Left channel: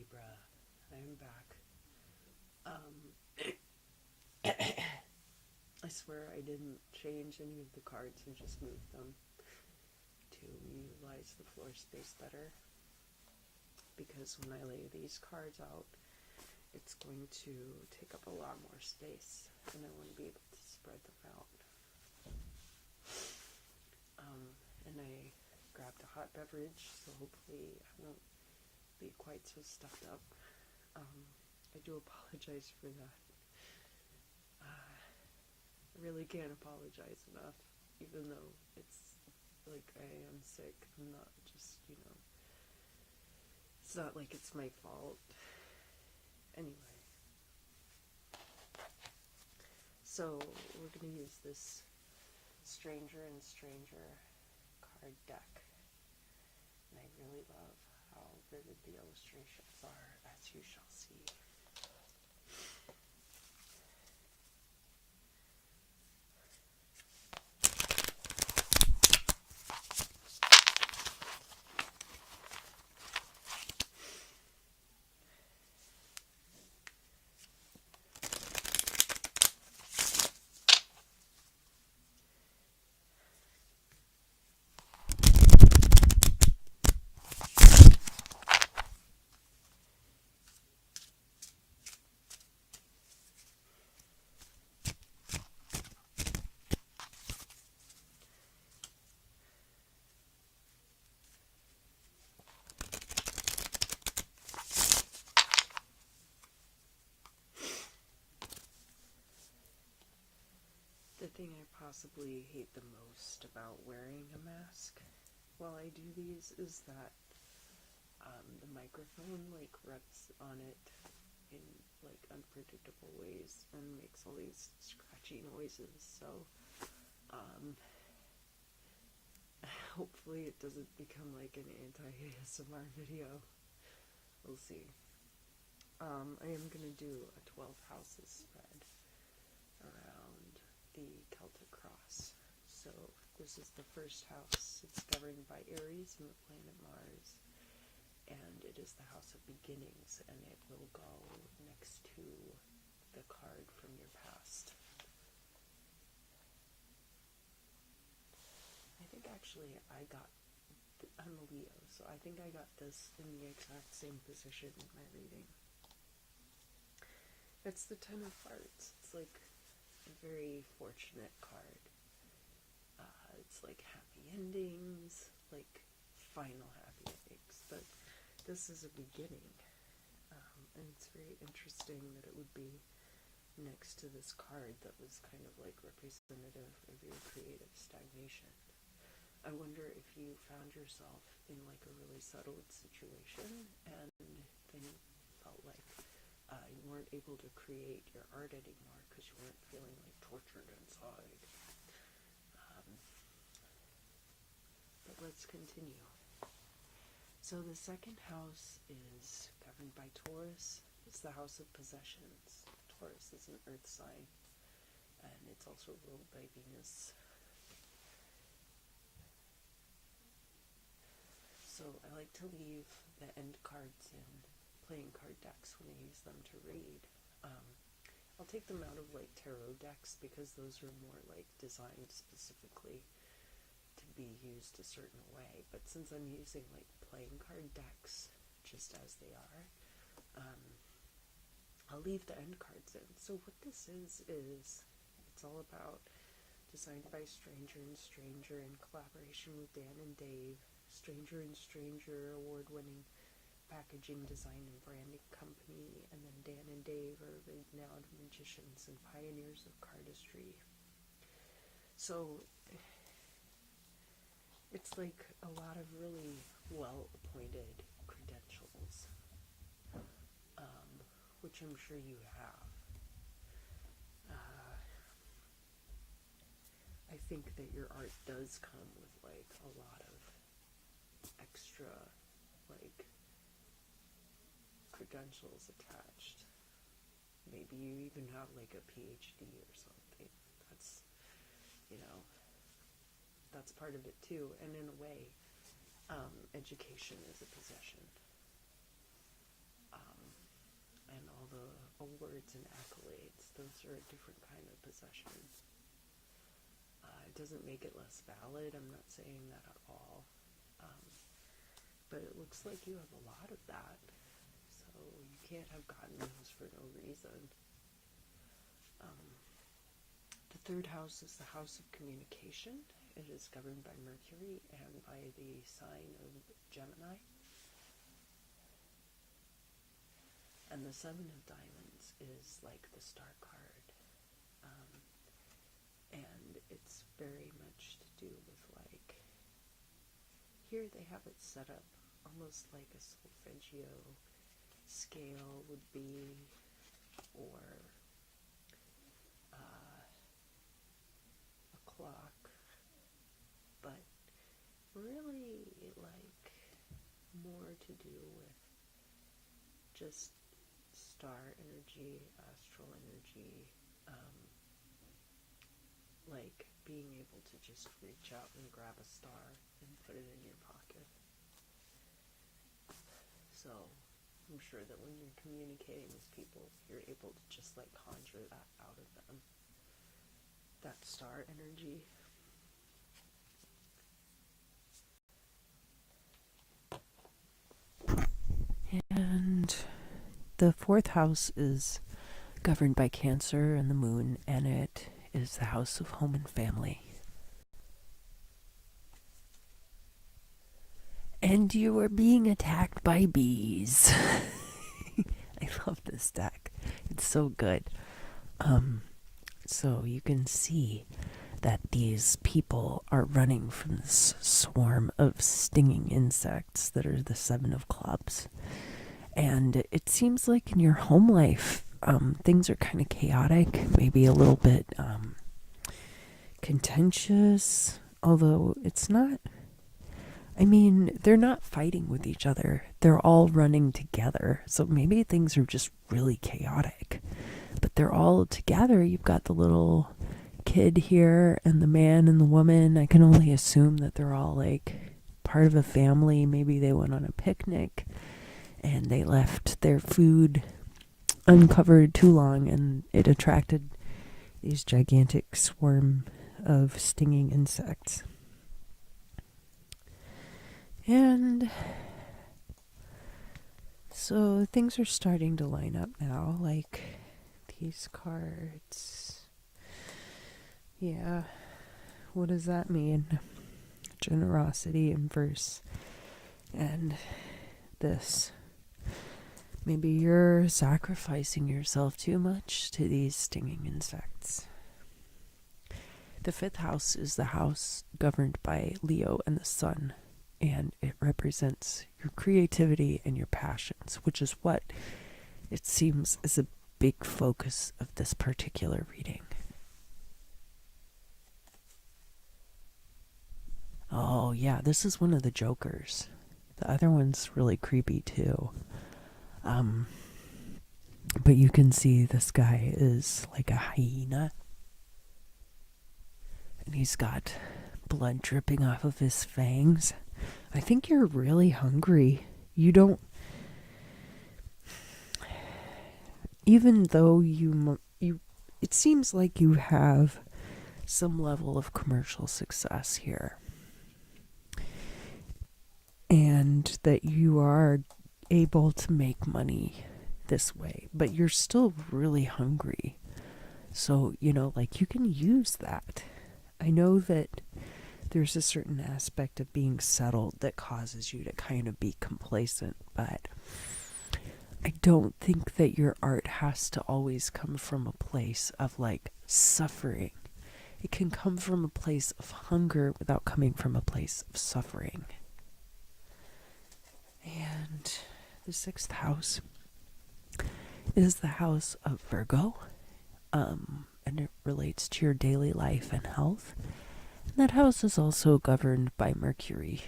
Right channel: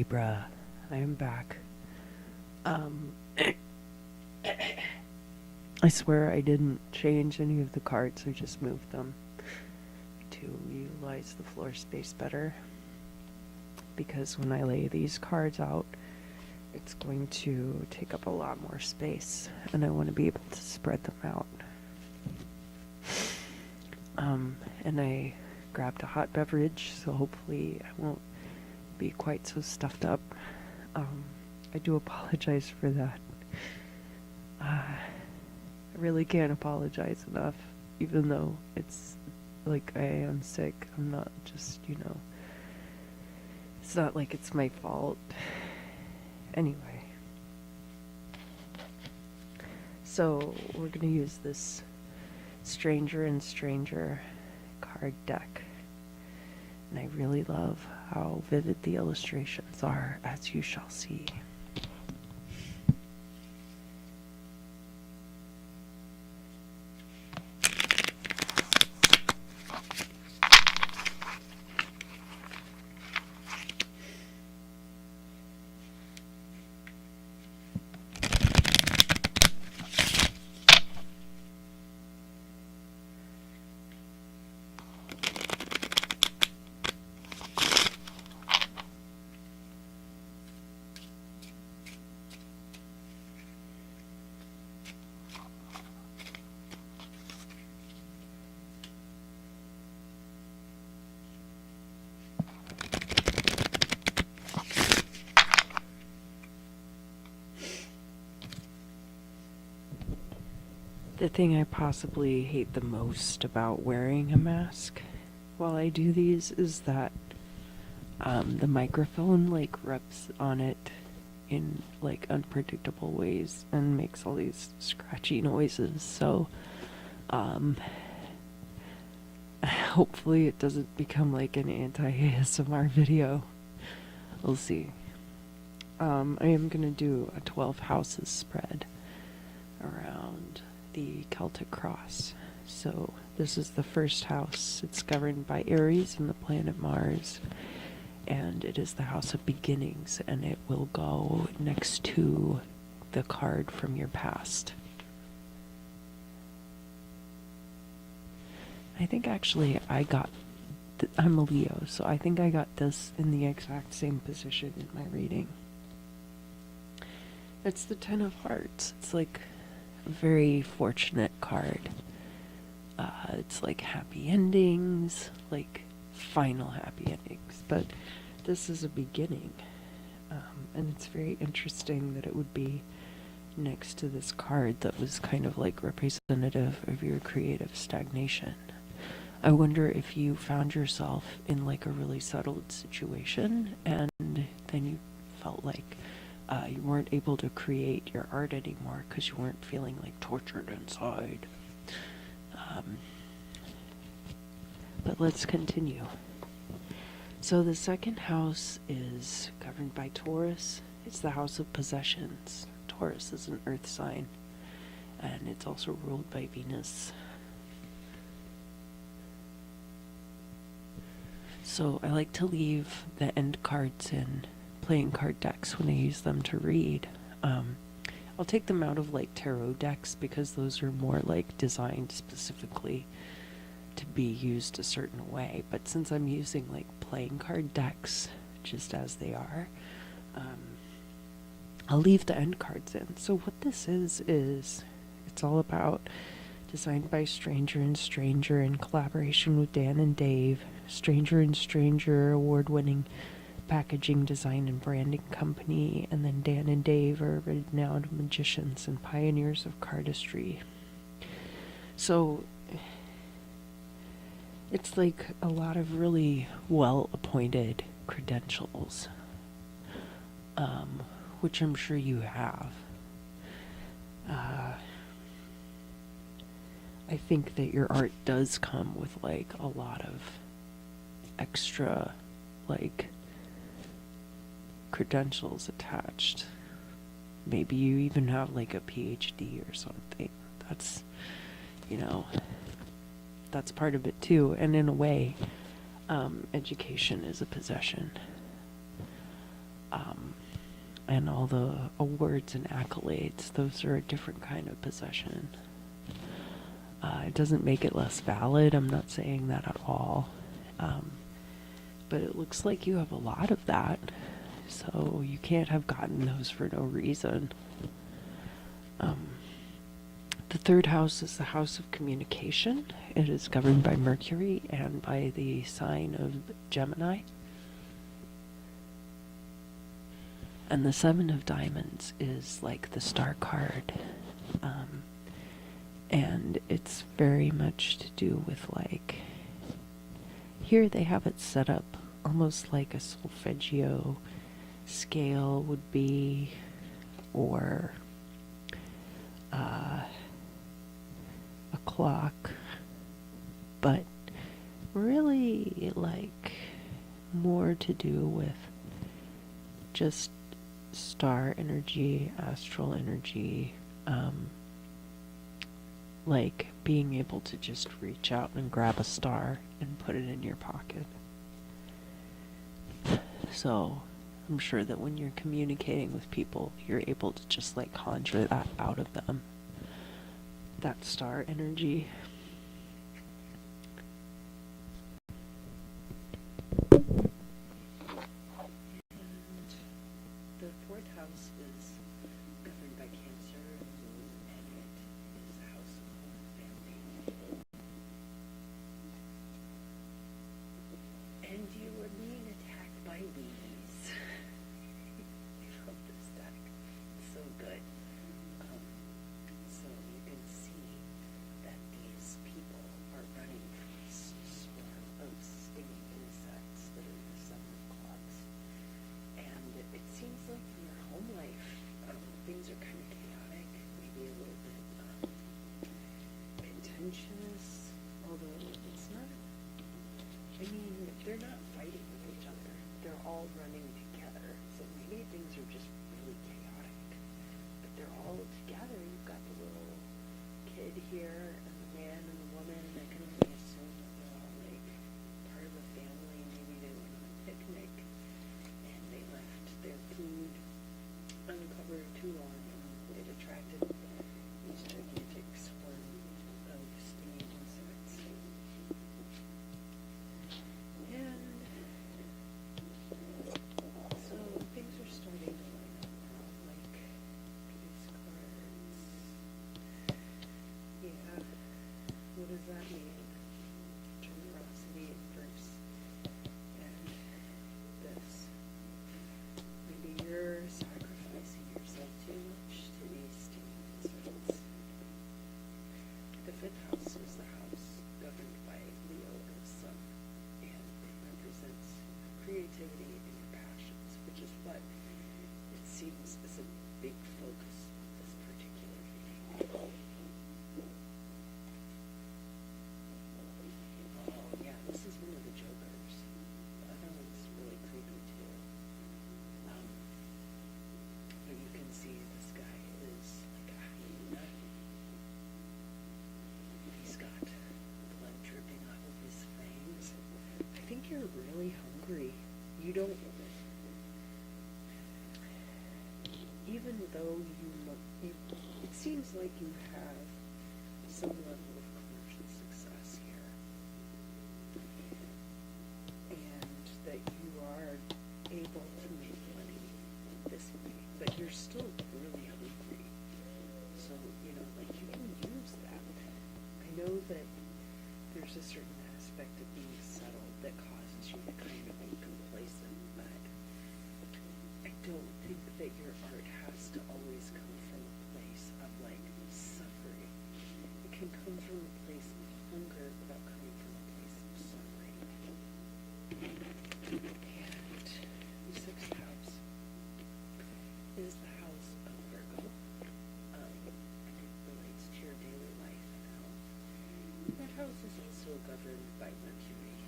Libra. I am back. Um, I swear I didn't change any of the cards, I just moved them to utilize the floor space better. Because when I lay these cards out, it's going to take up a lot more space, and I want to be able to spread them out. And I grabbed a hot beverage, so hopefully I won't be quite so stuffed up. I do apologize for that. I really can't apologize enough, even though it's like I am sick. I'm not just, it's not like it's my fault. Anyway. So, we're going to use this Stranger and Stranger card deck. And I really love how vivid the illustrations are, as you shall see. The thing I possibly hate the most about wearing a mask while I do these is that the microphone rubs on it in unpredictable ways and makes all these scratchy noises. So hopefully it doesn't become like an anti-ASMR video. We'll see. I am gonna do a 12 houses spread around the Celtic cross. So this is the first house. It's governed by Aries and the planet Mars, and it is the house of beginnings, and it will go next to the card from your past. I think actually I'm a Leo, so I think I got this in the exact same position in my reading. It's the Ten of Hearts. It's like a very fortunate card. It's like happy endings, like final happy endings, but this is a beginning. And it's very interesting that it would be next to this card that was kind of like representative of your creative stagnation. I wonder if you found yourself in like a really settled situation and then you felt like you weren't able to create your art anymore because you weren't feeling like tortured inside. But let's continue. So the second house is governed by Taurus. It's the house of possessions. Taurus is an earth sign, and it's also ruled by Venus. So I like to leave the end cards in playing card decks when I use them to read. I'll take them out of like tarot decks because those are more like designed specifically to be used a certain way. But since I'm using like playing card decks just as they are, I'll leave the end cards in. So what this is it's all about designed by Stranger and Stranger in collaboration with Dan and Dave. Stranger and Stranger award-winning packaging design and branding company, and then Dan and Dave are renowned magicians and pioneers of cardistry. So it's like a lot of really well-appointed credentials, which I'm sure you have. I think that your art does come with like a lot of extra like credentials attached. Maybe you even have like a PhD or something. That's, that's part of it too. And in a way, education is a possession. Um, and all the awards and accolades, those are a different kind of possession. It doesn't make it less valid. I'm not saying that at all. Um, but it looks like you have a lot of that. So you can't have gotten those for no reason. Um, the third house is the house of communication. It is governed by Mercury and by the sign of Gemini. And the Seven of Diamonds is like the star card. And it's very much to do with like, here they have it set up almost like a solfeggio scale would be, or a clock, but really like more to do with just star energy, astral energy, like being able to just reach out and grab a star and put it in your pocket. So I'm sure that when you're communicating with people, you're able to just like conjure that out of them, that star energy. And the fourth house is governed by Cancer and the moon, and it is the house of home and family. And you are being attacked by bees. I love this deck. It's so good. So you can see that these people are running from this swarm of stinging insects that are the Seven of Clubs. And it seems like in your home life, things are kind of chaotic, maybe a little bit contentious, although it's not. I mean, they're not fighting with each other. They're all running together. So maybe things are just really chaotic. But they're all together. You've got the little kid here and the man and the woman. I can only assume that they're all like part of a family. Maybe they went on a picnic and they left their food uncovered too long, and it attracted these gigantic swarm of stinging insects. And so things are starting to line up now, like these cards. Yeah, what does that mean? Generosity in verse. And this. Maybe you're sacrificing yourself too much to these stinging insects. The fifth house is the house governed by Leo and the sun, and it represents your creativity and your passions, which is what it seems is a big focus of this particular reading. Oh yeah, this is one of the jokers. The other one's really creepy too. But you can see this guy is like a hyena. And he's got blood dripping off of his fangs. I think you're really hungry. You don't... Even though you it seems like you have some level of commercial success here. And that you are able to make money this way, but you're still really hungry. So, like you can use that. I know that there's a certain aspect of being settled that causes you to kind of be complacent, but I don't think that your art has to always come from a place of like suffering. It can come from a place of hunger without coming from a place of suffering. And the sixth house is the house of Virgo, and it relates to your daily life and health. And that house is also governed by Mercury.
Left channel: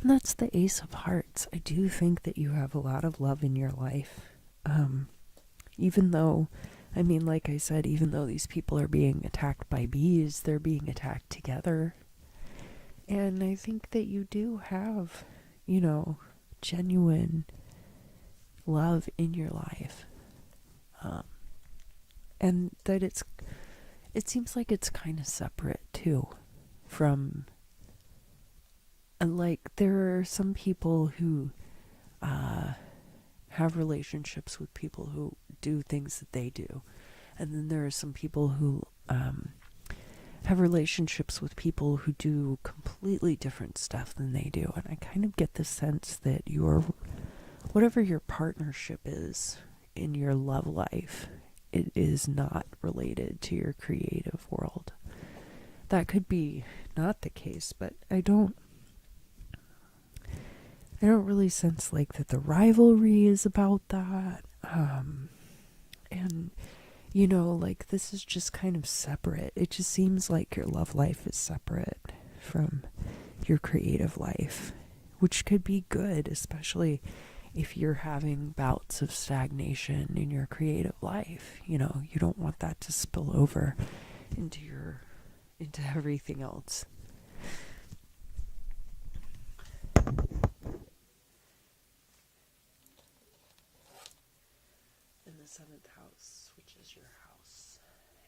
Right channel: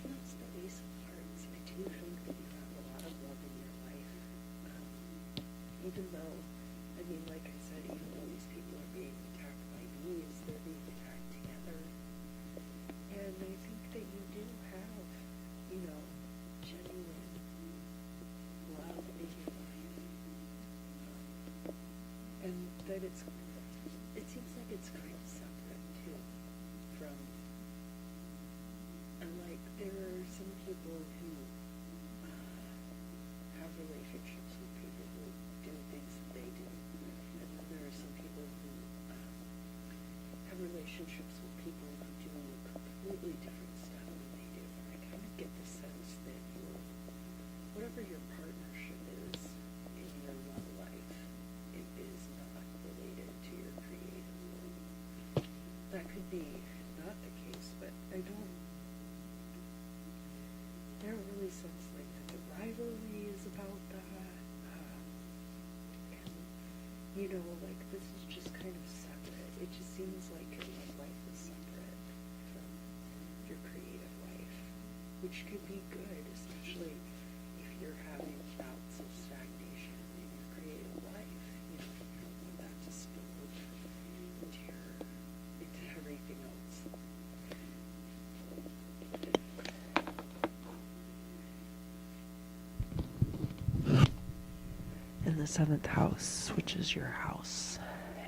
And that's the Ace of Hearts. I do think that you have a lot of love in your life. Even though, like I said, even though these people are being attacked by bees, they're being attacked together. And I think that you do have, you know, genuine love in your life. Um, and that it seems like it's kind of separate too from, and like there are some people who have relationships with people who do things that they do. And then there are some people who have relationships with people who do completely different stuff than they do. And I kind of get the sense that whatever your partnership is in your love life, it is not related to your creative world. That could be not the case, but I don't really sense like that the rivalry is about that. And you know, like this is just kind of separate. It just seems like your love life is separate from your creative life, which could be good, especially if you're having bouts of stagnation in your creative life. You know, you don't want that to spill over into everything else. In the 7th house, which is your house,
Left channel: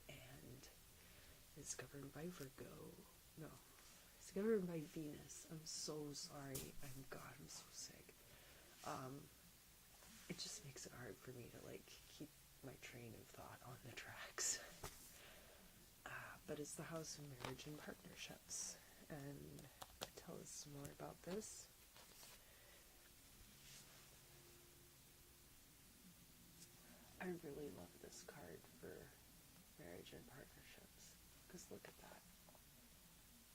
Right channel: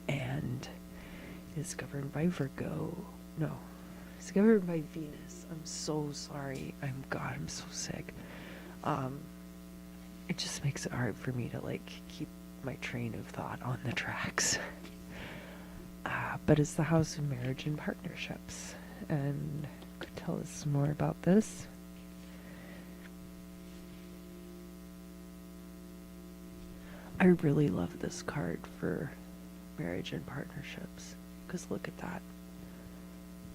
and is governed by Virgo. No, it's governed by Venus. I'm so sorry. I'm so sick. It just makes it hard for me to like keep my train of thought on the tracks. But it's the house of marriage and partnerships. And could tell us more about this. I really love this card for marriage and partnerships, because look at that.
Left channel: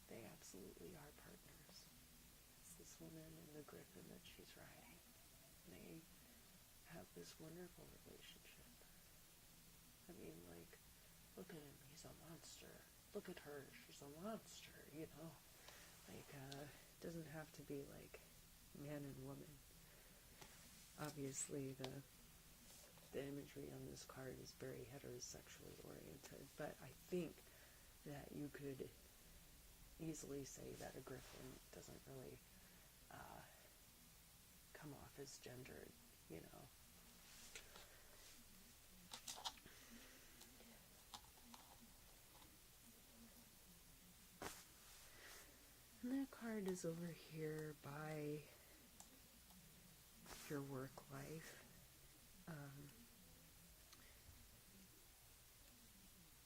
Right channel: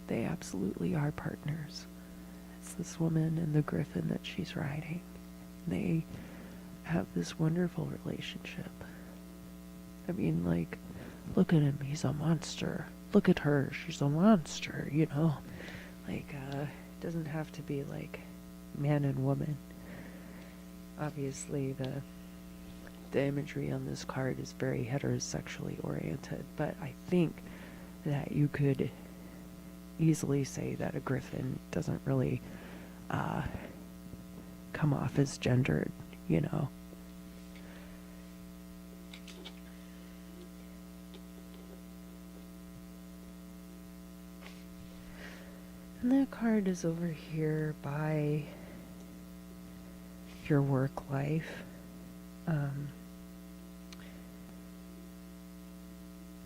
They absolutely are partners. It's this woman and the griffin that she's riding. They have this wonderful relationship. I mean, like, look at him, he's a monster. Look at her, she's a monster, you know? Like, it doesn't have to be like man and woman. Obviously, the imagery on this card is very heterosexually oriented, but I think that you could easily say that a griffin doesn't really come off as gendered, you know. And that card is over here by your work life.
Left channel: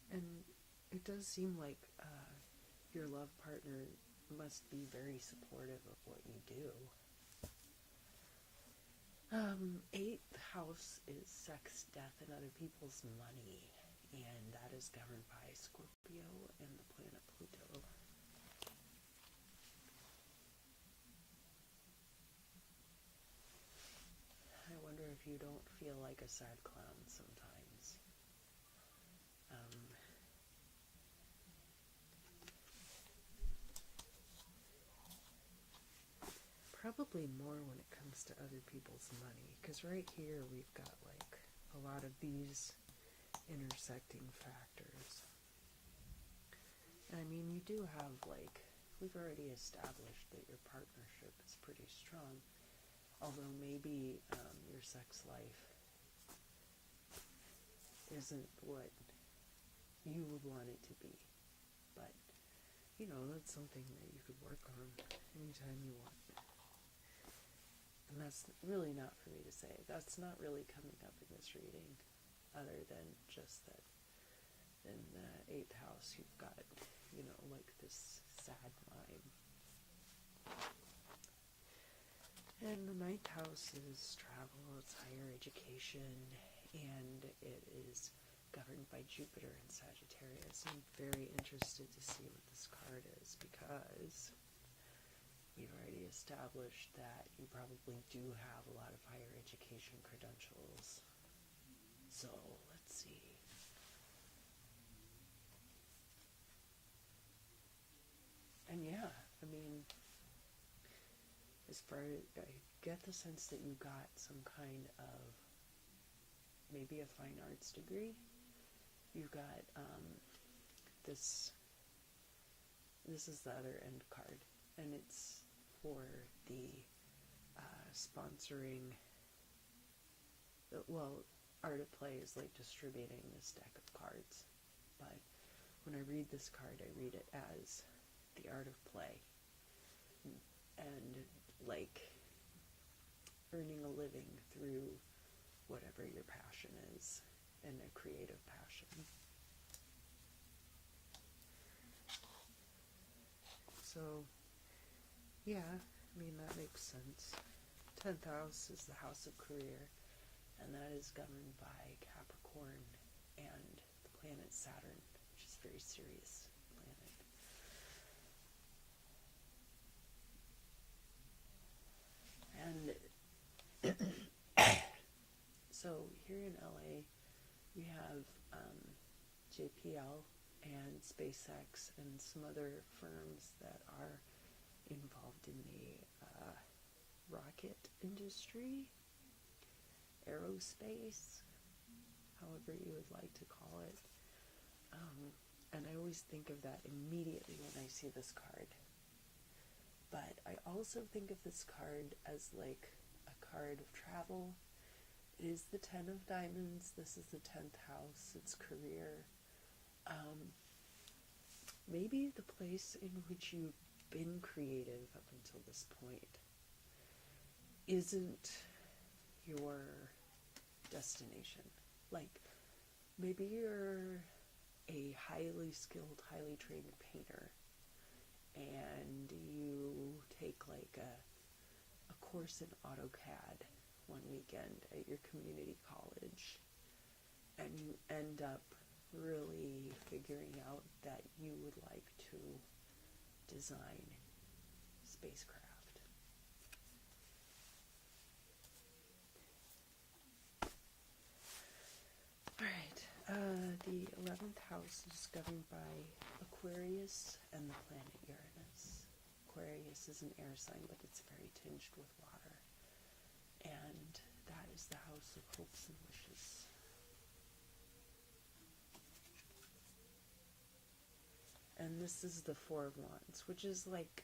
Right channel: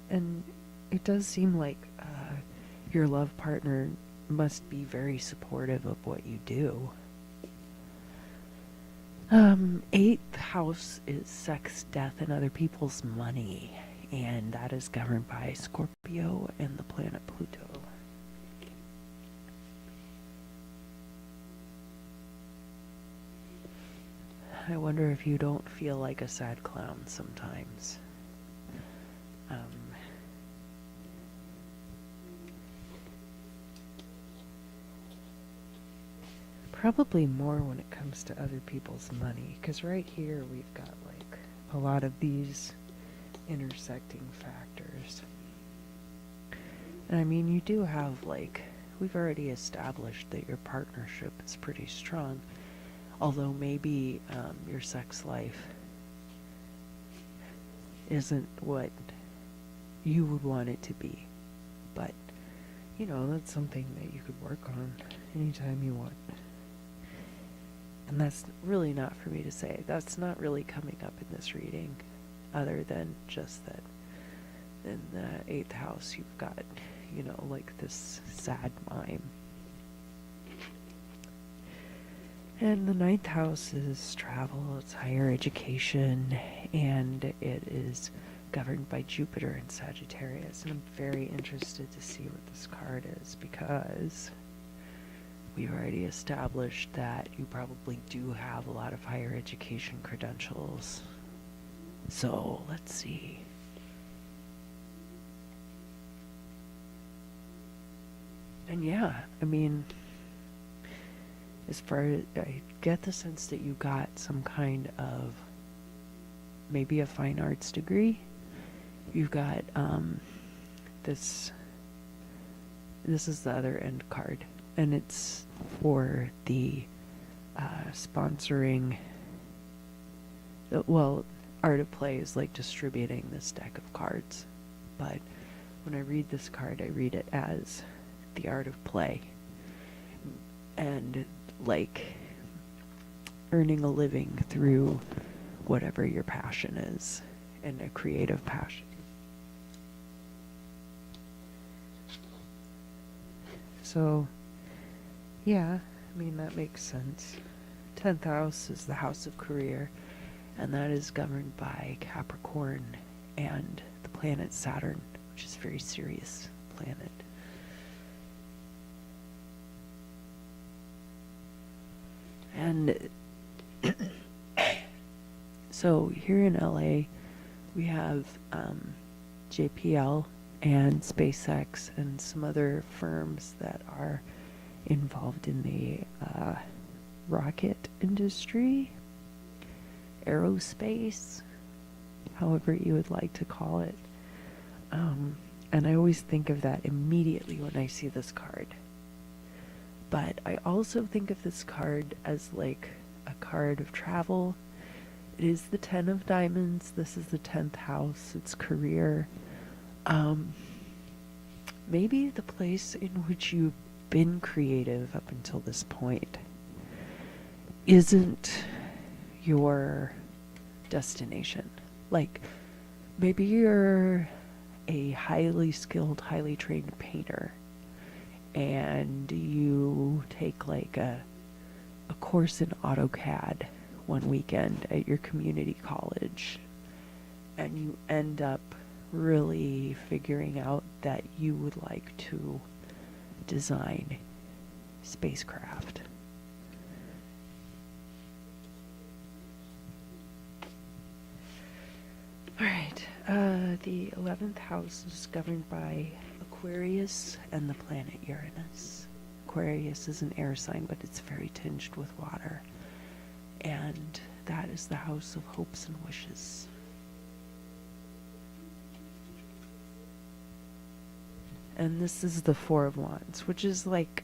And it does seem like your love partner must be very supportive of what you do. 8th house is sex, death, and other people's money. And that is governed by Scorpio and the planet Pluto. I wonder if you don't feel like a sad clown sometimes. Probably more when it comes to other people's money, because right here we've got like a lot of these intersecting factors. And I mean, you do have like, we've already established that your partnership is pretty strong, although maybe your sex life isn't what you would want it to be. But, you know, that's something that you could work on anytime you want. And that's really not for me to say. That's not really coming up in this reading, other than just that in the 8th house you've got, you know, like this sad mime. And the 9th house is travel, it's higher education, and it is governed by Jupiter and Sagittarius. And I'm very interested to see what this card is, because we've already established that you probably do have a lot of higher education credentials. So let's see. And yeah, I mean, as far as I get the sense that you got some kind of maybe a fine arts degree. You've got this is the other end card. and it's for the sponsoring. Well, Art of Play is like distributing this deck of cards, but when I read this card, I read it as the Art of Play, and like earning a living through whatever your passion is, and a creative passion. So, yeah, I mean, that makes sense. 10th house is the house of career, and that is governed by Capricorn and the planet Saturn, which is a very serious planet. And so here in LA, we have JPL and SpaceX and some other firms that are involved in the rocket industry, aerospace, however you would like to call it. And I always think of that immediately when I see this card. But I also think of this card as like a card of travel. It is the 10 of diamonds. This is the 10th house. It's career. Maybe the place in which you've been creative up until this point isn't your destination. Like, maybe you're a highly skilled, highly trained painter, and you take like a course in AutoCAD one weekend at your community college, and you end up really figuring out that you would like to design spacecraft. All right, the 11th house is governed by Aquarius and the planet Uranus. Aquarius is an air sign, but it's very tinged with water. And that is the house of hopes and wishes. And this is the Four of Wands, which is like,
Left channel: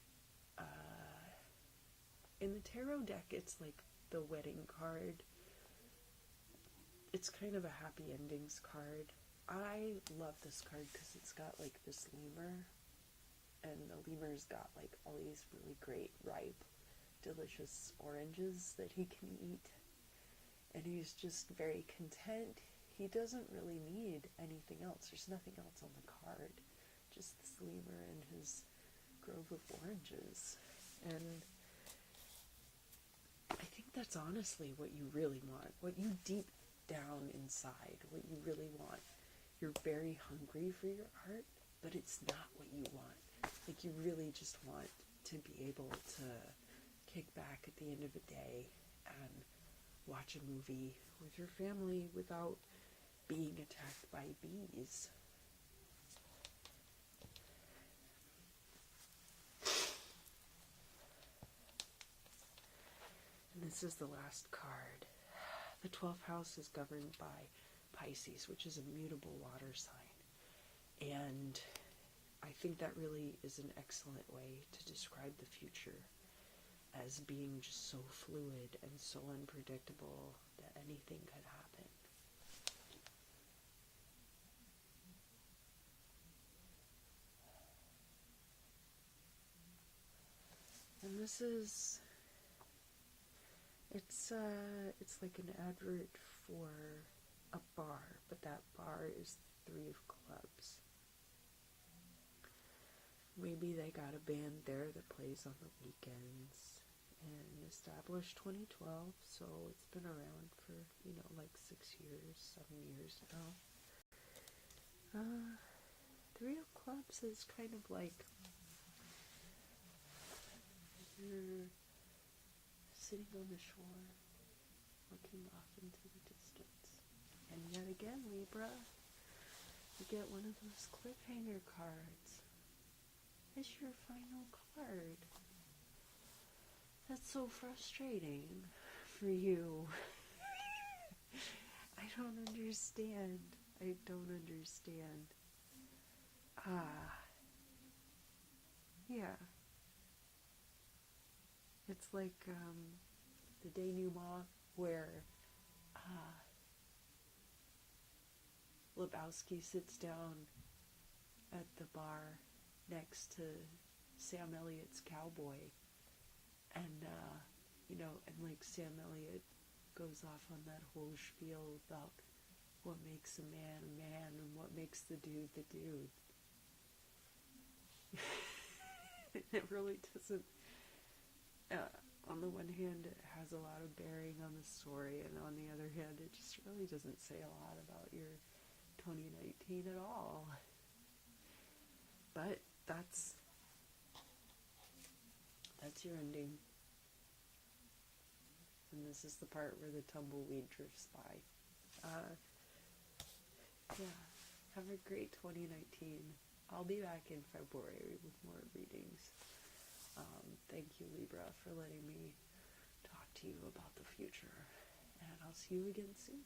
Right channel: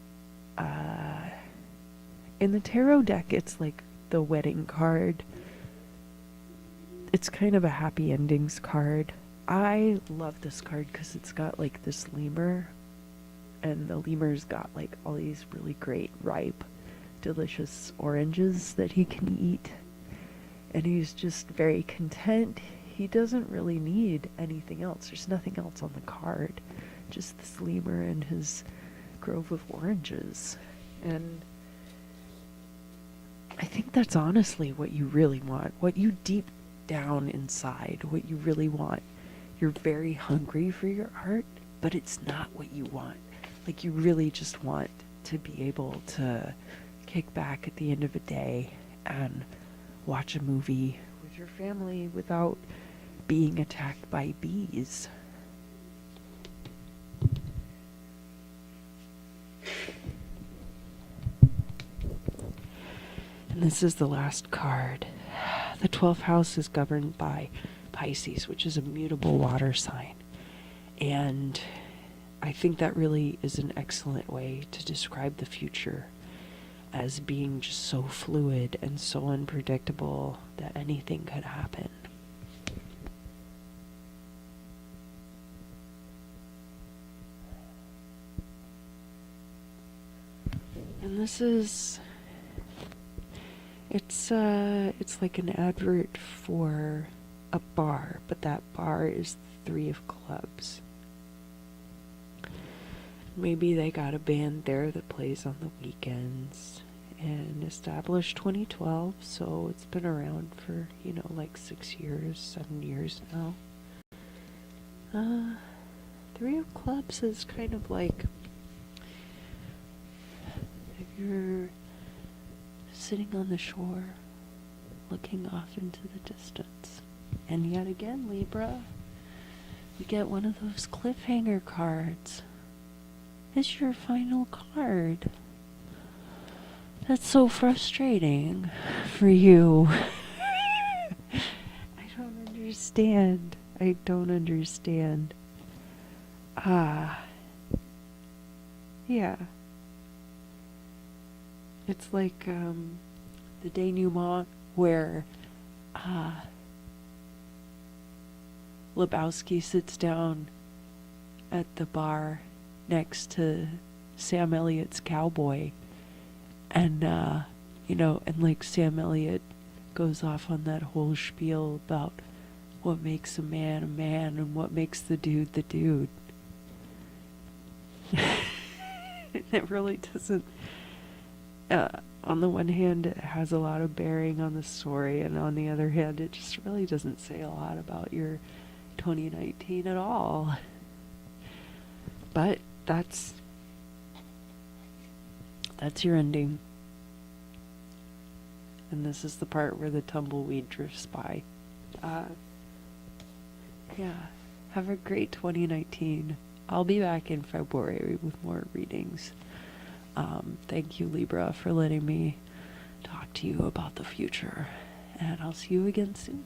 in the tarot deck, it's like the wedding card. It's kind of a happy endings card. I love this card because it's got like this lemur, and the lemur's got like all these really great, ripe, delicious oranges that he can eat. And he's just very content. He doesn't really need anything else. There's nothing else on the card. Just this lemur and his grove of oranges. And I think that's honestly what you really want. What you deep down inside, what you really want. You're very hungry for your art, but it's not what you want. Like, you really just want to be able to kick back at the end of a day and watch a movie with your family without being attacked by bees. And this is the last card. The 12th house is governed by Pisces, which is a mutable water sign. And I think that really is an excellent way to describe the future as being just so fluid and so unpredictable that anything could happen. And this is, it's like an advert for a bar, but that bar is the 3 of clubs. Maybe they got a band there that plays on the weekends, and established 2012, so it's been around for, like 6 years, 7 years now. 3 of clubs is kind of like if you're sitting on the shore, looking off into the distance. And yet again, Libra, we get one of those cliffhanger cards. It's your final card. That's so frustrating for you. I don't understand. I don't understand. Yeah. It's like the denouement where Lebowski sits down at the bar next to Sam Elliott's cowboy, and and like Sam Elliott goes off on that whole spiel about what makes a man and what makes the dude the dude. It really doesn't. On the one hand, it has a lot of bearing on the story, and on the other hand, it just really doesn't say a lot about your 2019 at all. But that's your ending. And this is the part where the tumbleweed drifts by. Yeah. Have a great 2019. I'll be back in February with more readings. Thank you, Libra, for letting me talk to you about the future. And I'll see you again soon.